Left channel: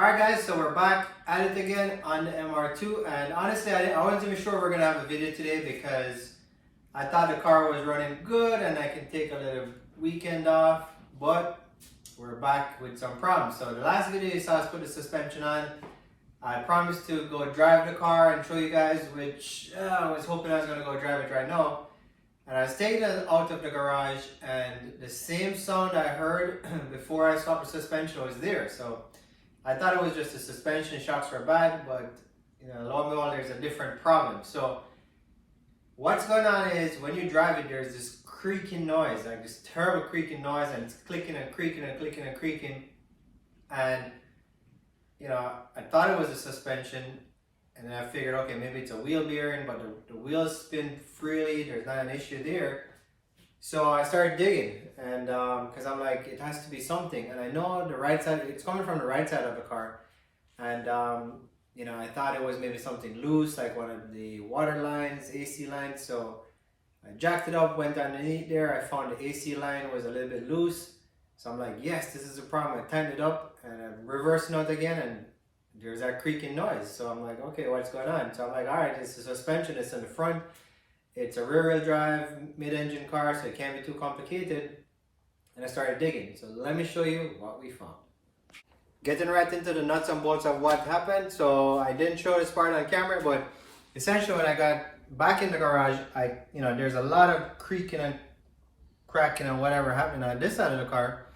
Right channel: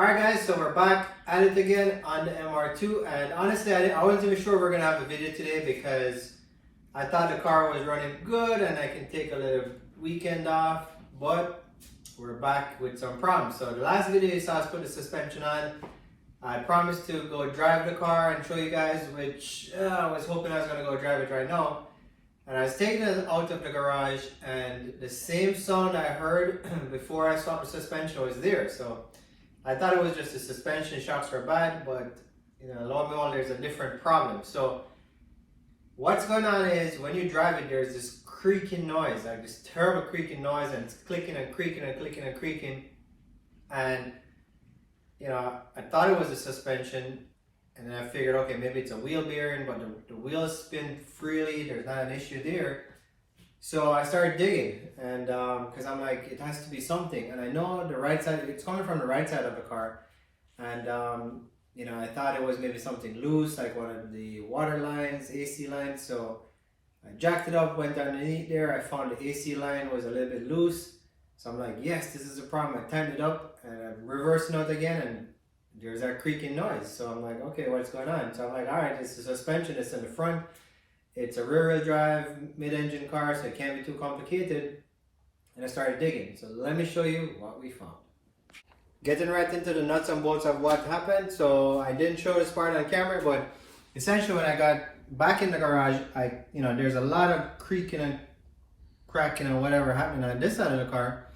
Alright guys, so we're back at it again on the MR2, and honestly I wasn't even sure we're going to have a video today because I thought the car was running good and I can take a little weekend off, but we're back with some problems. So the last video you saw us put the suspension on. I promised to go drive the car and show you guys, which I was hoping I was going to go drive it right now. And I was taking it out of the garage and the same sound I heard before I stopped the suspension was there. So I thought it was just the suspension shocks were bad, but lo and behold, there's a different problem. So what's going on is when you drive it, there's this creaking noise, like this terrible creaking noise, and it's clicking and creaking and clicking and creaking. And I thought it was a suspension, and then I figured, okay, maybe it's a wheel bearing, but the wheels spin freely, there's not an issue there. So I started digging, and because I'm like, it has to be something, and I know the right side, it's coming from the right side of the car, and I thought it was maybe something loose, like one of the water lines, AC lines. So I jacked it up, went underneath there, I found the AC line was a little bit loose. So I'm like, yes, this is a problem. I tightened it up, and I'm reversing out again, and there's that creaking noise. So I'm like, okay, what's going on? So I'm like, all right, it's the suspension, it's in the front. It's a rear-wheel drive, mid-engine car, so it can't be too complicated. And I started digging. So let me show you what we found. Getting right into the nuts and bolts of what happened. So I didn't show this part on camera, but essentially when I got back in the garage, there's a lot of creaking and cracking and whatever happening on this side of the car.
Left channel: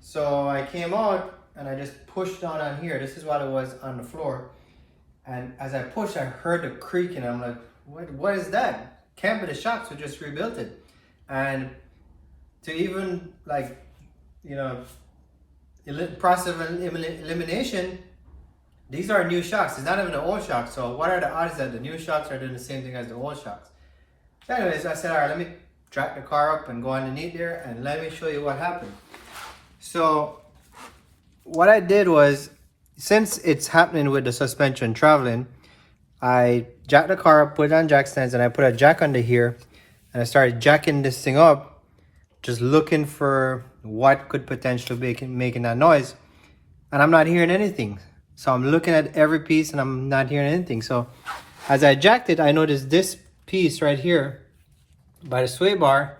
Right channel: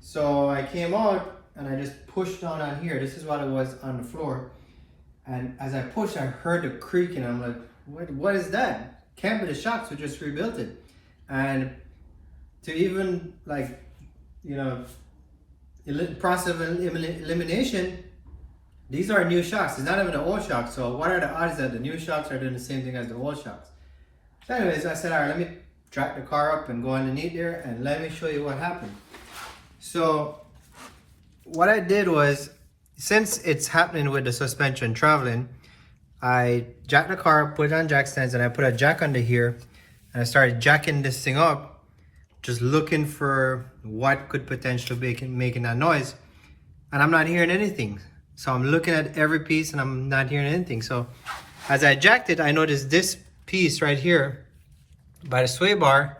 So I came out and I just pushed down on here. This is what it was on the floor. And as I pushed, I heard the creaking. I'm like, what is that? Can't be the shocks, we just rebuilt it. And to even process of elimination, these are new shocks. It's not even the old shocks. So what are the odds that the new shocks are doing the same thing as the old shocks? So anyways, I said, all right, let me track the car up and go underneath there and let me show you what happened. So what I did was, since it's happening with the suspension traveling, I jacked the car up, put it on jack stands, and I put a jack under here, and I started jacking this thing up, just looking for what could potentially be making that noise. And I'm not hearing anything. So I'm looking at every piece and I'm not hearing anything. So as I jacked it, I noticed this piece right here by the sway bar,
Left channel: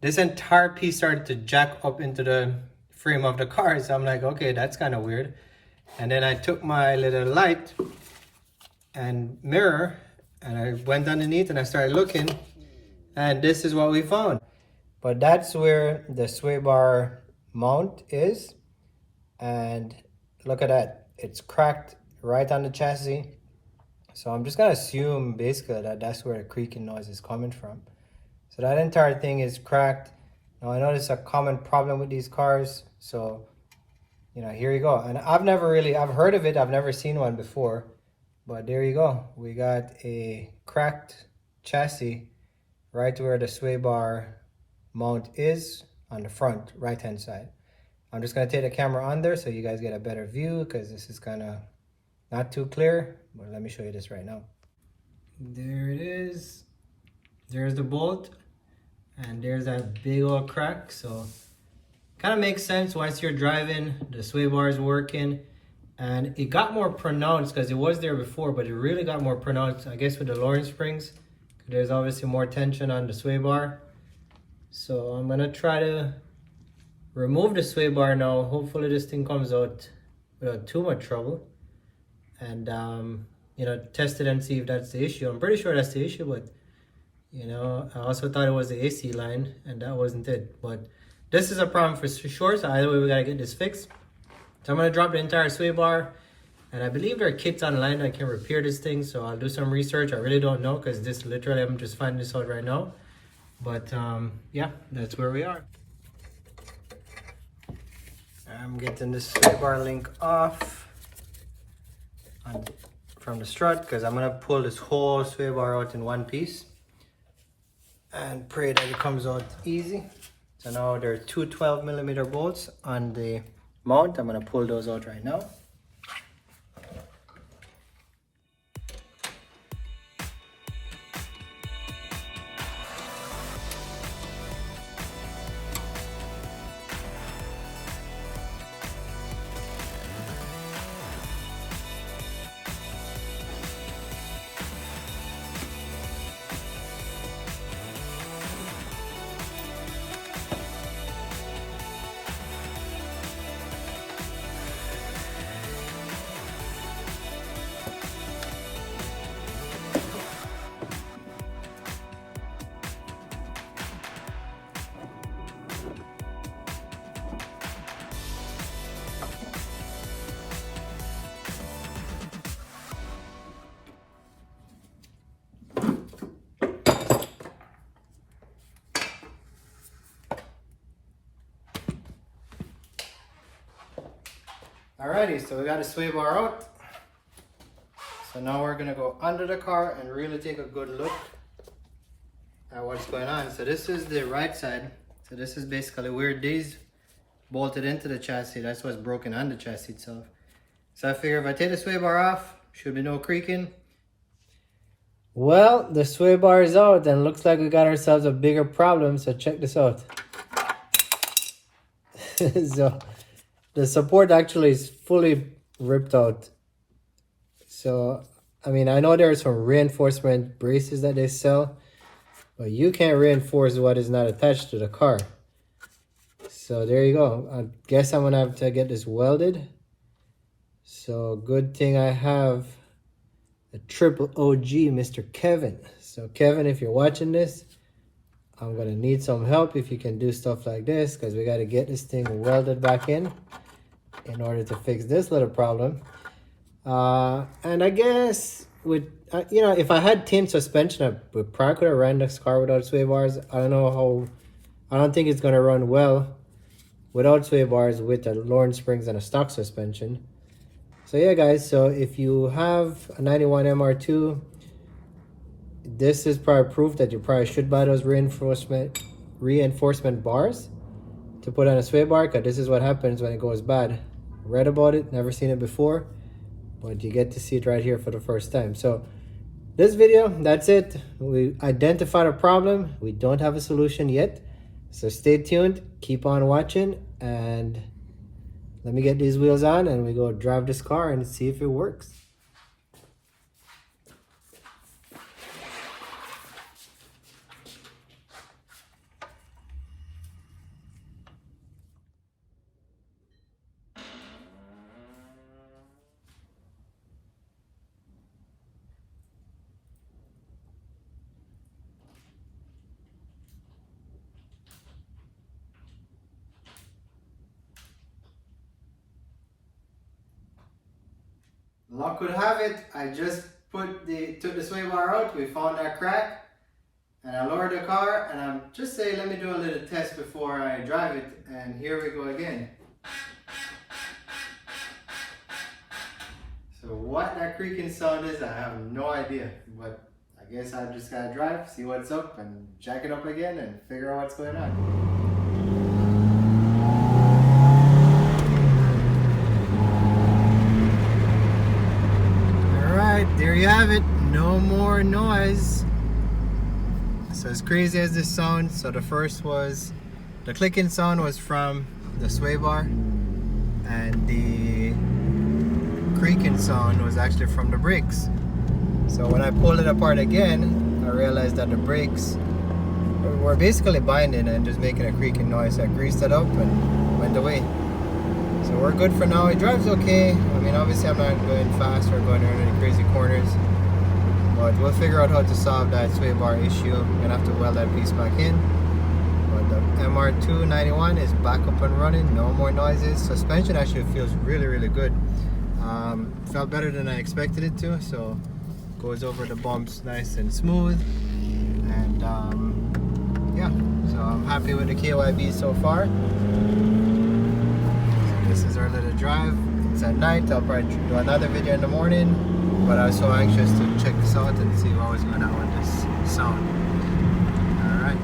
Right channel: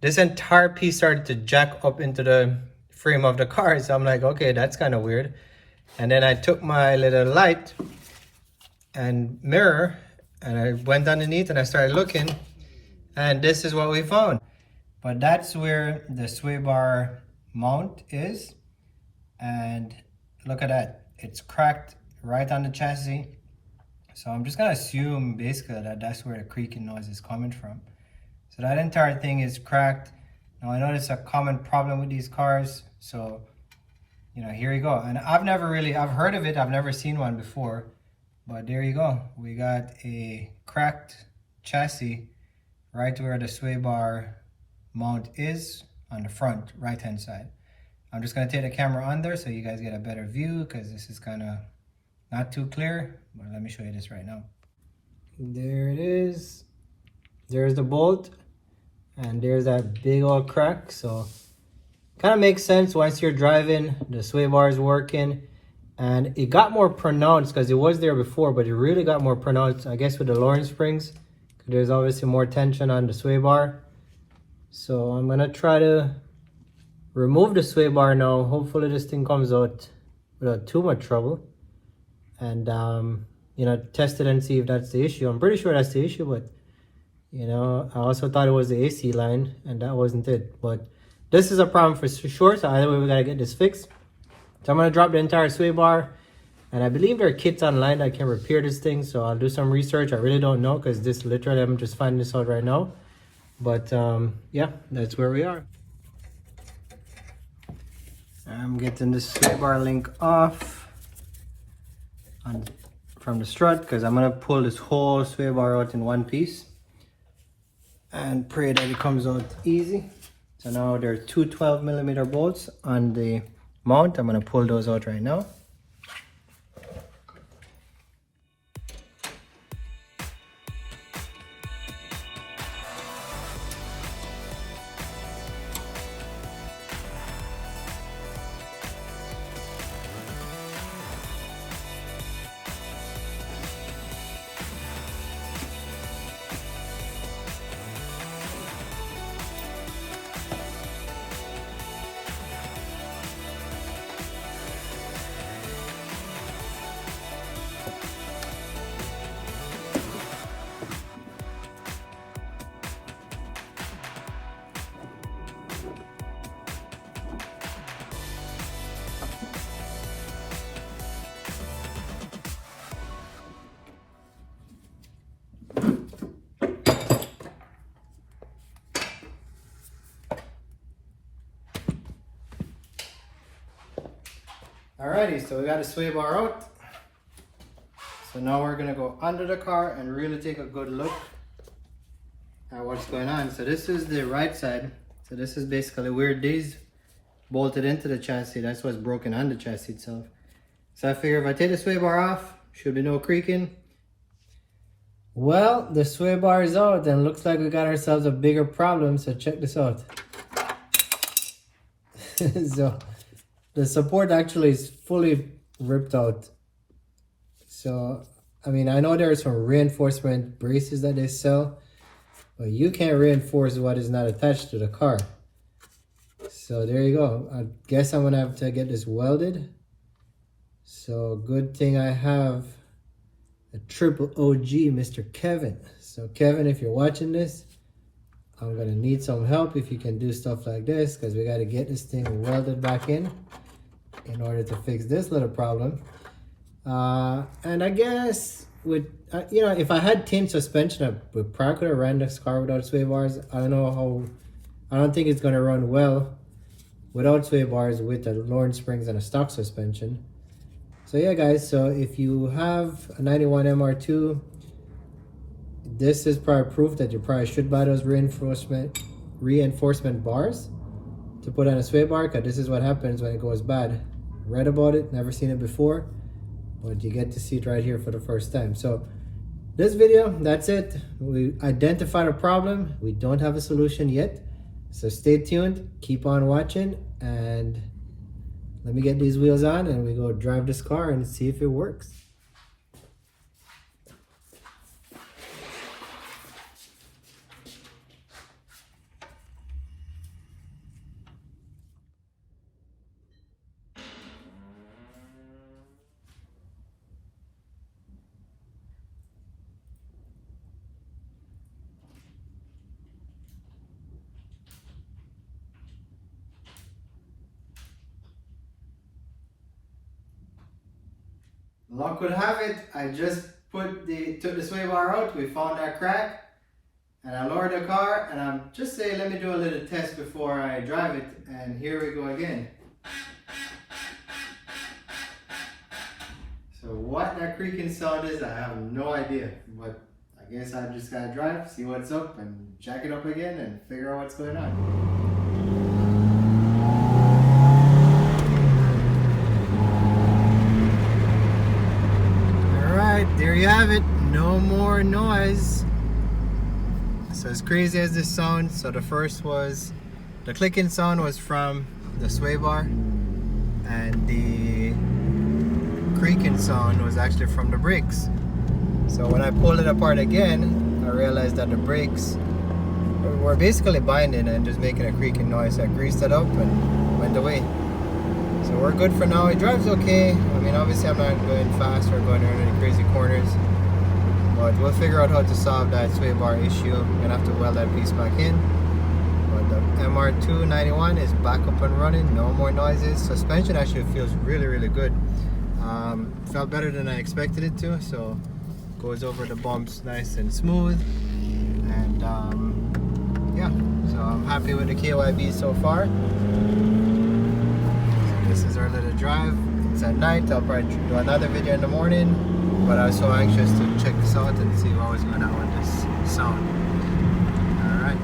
this entire piece started to jack up into the frame of the car. So I'm like, okay, that's kind of weird. And then I took my little light and mirror and I went underneath and I started looking, and this is what we found. But that's where the sway bar mount is, and look at that, it's cracked right on the chassis. So I'm just gonna assume basically that that's where the creaking noise is coming from. So that entire thing is cracked. Now I know this is a common problem with these cars, so here you go. And I've heard of it, I've never seen one before. But there you go. We got a cracked chassis right where the sway bar mount is on the front right hand side. I'm just going to take the camera on there so you guys get a better view, because this is kind of not too clear. But let me show you this right now. There it is. There's the bolt, and there's that big old crack. So kind of makes sense once you're driving, the sway bar is working. And it got more pronounced because it was there before, but it really got more pronounced, I guess, with the lowering springs. There's obviously more tension on the sway bar. So I'm gonna try to remove the sway bar now. Hopefully this thing comes out without too much trouble. And test it and see if that's the issue. I'm pretty sure that's the issue, but I also thought it was the AC line, and that wasn't it. But this is a problem for sure, so either way we gotta get this fixed. So I'm going to drop the entire sway bar, and I believe there are kits online that can repair this thing, so I'll do some research. I really don't know, because this literally, I'm just finding this out right now. But yeah, that's where we are. I'm getting this sway bar link off from the strut, because I'm going to pull this whole sway bar out in one piece and pray that it comes out easy. So now there are two 12mm bolts on the mount. I'm going to pull those out right now. Alrighty, so we got the sway bar out. So now we're gonna go under the car and really take a good look at what's going on. So this is the right side. So this is basically where these bolted into the chassis. That's what's broken on the chassis itself. So I figure if I take the sway bar off, should be no creaking. Well, the sway bar is out and looks like we got ourselves a bigger problem. So check this out. So the support actually is fully ripped out. So, I mean, I know there are some reinforcement braces that they sell, but you can't reinforce what is not attached to the car. So there you go. I guess I'm gonna have to get this welded. So good thing I have a triple OG, Mr. Kevin. So Kevin, if you're watching this, I'm gonna need some help if you can do stuff like this, because we gotta get this thing welded back in order to fix this little problem. And I guess with you know, if I had team suspension, I would probably could have ran this car without sway bars. I don't think it's gonna run well without sway bars with the Lawrence springs and a stock suspension. So yeah, guys. So if you have a 91 MR2, this is probably proof that you probably should buy those reinforcement bars to put on a sway bar, because this is what happens when it goes bad. Read about it, never seen it before, but you get to see it right here for the first time. So this video, that's it. We identified a problem. We don't have a solution yet. So stay tuned, keep on watching, and let me get these wheels on and we go drive this car and see if it works. Luck would have it, I just took the sway bar out, we found that crack, and I lowered the car, and I'm just saying, let me do a little test before I drive it, and here we go again. So what that creaking sound is, I have no idea, but I guess I just gotta drive, see what's up, and jack it up again, and figure out what's going on. There you have it, no more noise. So as crazy as this sounds, so the first was, the clicking sound was from the sway bar, and the creaking sound was actually from the brakes. So when I pulled it apart again, I realized that the brakes were basically binding and just making a creaking noise. So I greased it up and went away. So we're good for now. It drives okay. I mean, obviously I'm not going fast or going around any crazy corners, but we'll figure out how to solve that sway bar issue. I'm gonna have to weld that piece back in. But the MR2 91 is back up and running, no more noises. Suspension actually feels really, really good. Felt better than I expected it to, so goes over the bumps nice and smooth. And yeah, so I'm happy with the KYB so far. This is our little drive. It's at night. I'll probably do another video in the morning, but I was so anxious to check this out and see what was going on with this sound. Alright.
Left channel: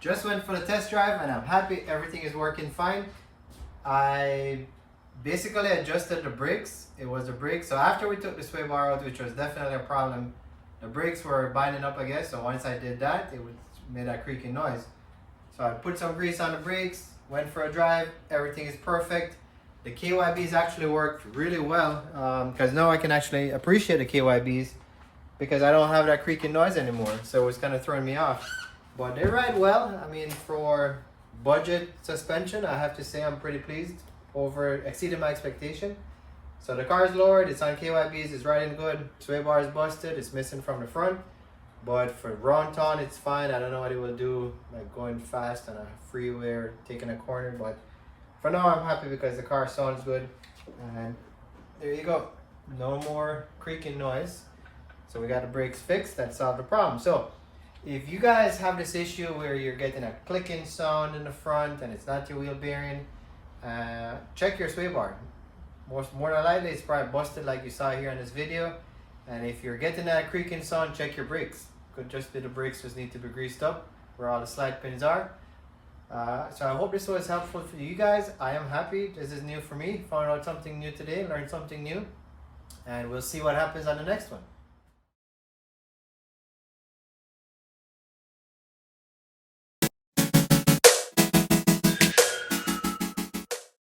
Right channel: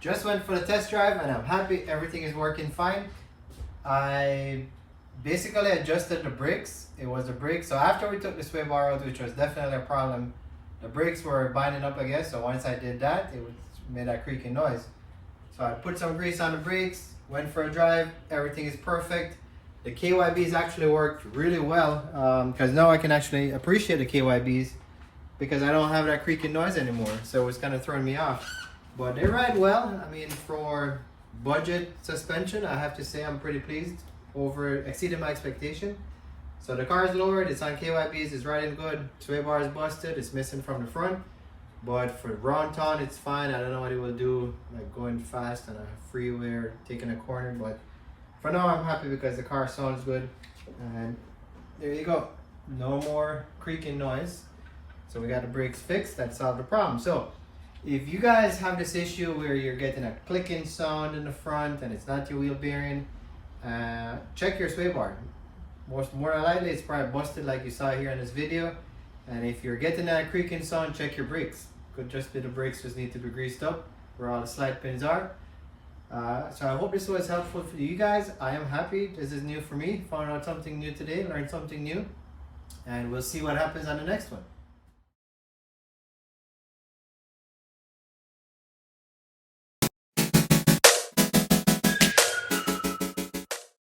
Just went for the test drive and I'm happy, everything is working fine. I basically adjusted the brakes. It was the brakes. So after we took the sway bar out, which was definitely a problem, the brakes were binding up, I guess. So once I did that, it made that creaking noise. So I put some grease on the brakes, went for a drive, everything is perfect. The KYBs actually worked really well, because now I can actually appreciate the KYBs because I don't have that creaking noise anymore. So it was kind of throwing me off. But they ride well. I mean, for budget suspension, I have to say I'm pretty pleased. Exceeded my expectation. So the car is lowered, it's on KYBs, it's riding good. Sway bar is busted, it's missing from the front. But for round town, it's fine. I don't know what it will do, like going fast on a freeway or taking a corner, but for now I'm happy because the car sounds good, and there you go, no more creaking noise. So we got the brakes fixed, that solved the problem. So if you guys have this issue where you're getting a clicking sound in the front and it's not your wheel bearing, check your sway bar. More than likely it's probably busted like you saw here in this video. And if you're getting that creaking sound, check your brakes. Could just be the brakes just need to be greased up where all the slide pins are. So I hope this was helpful for you guys. I am happy. This is new for me. Found out something new today, learned something new. And we'll see what happens on the next one.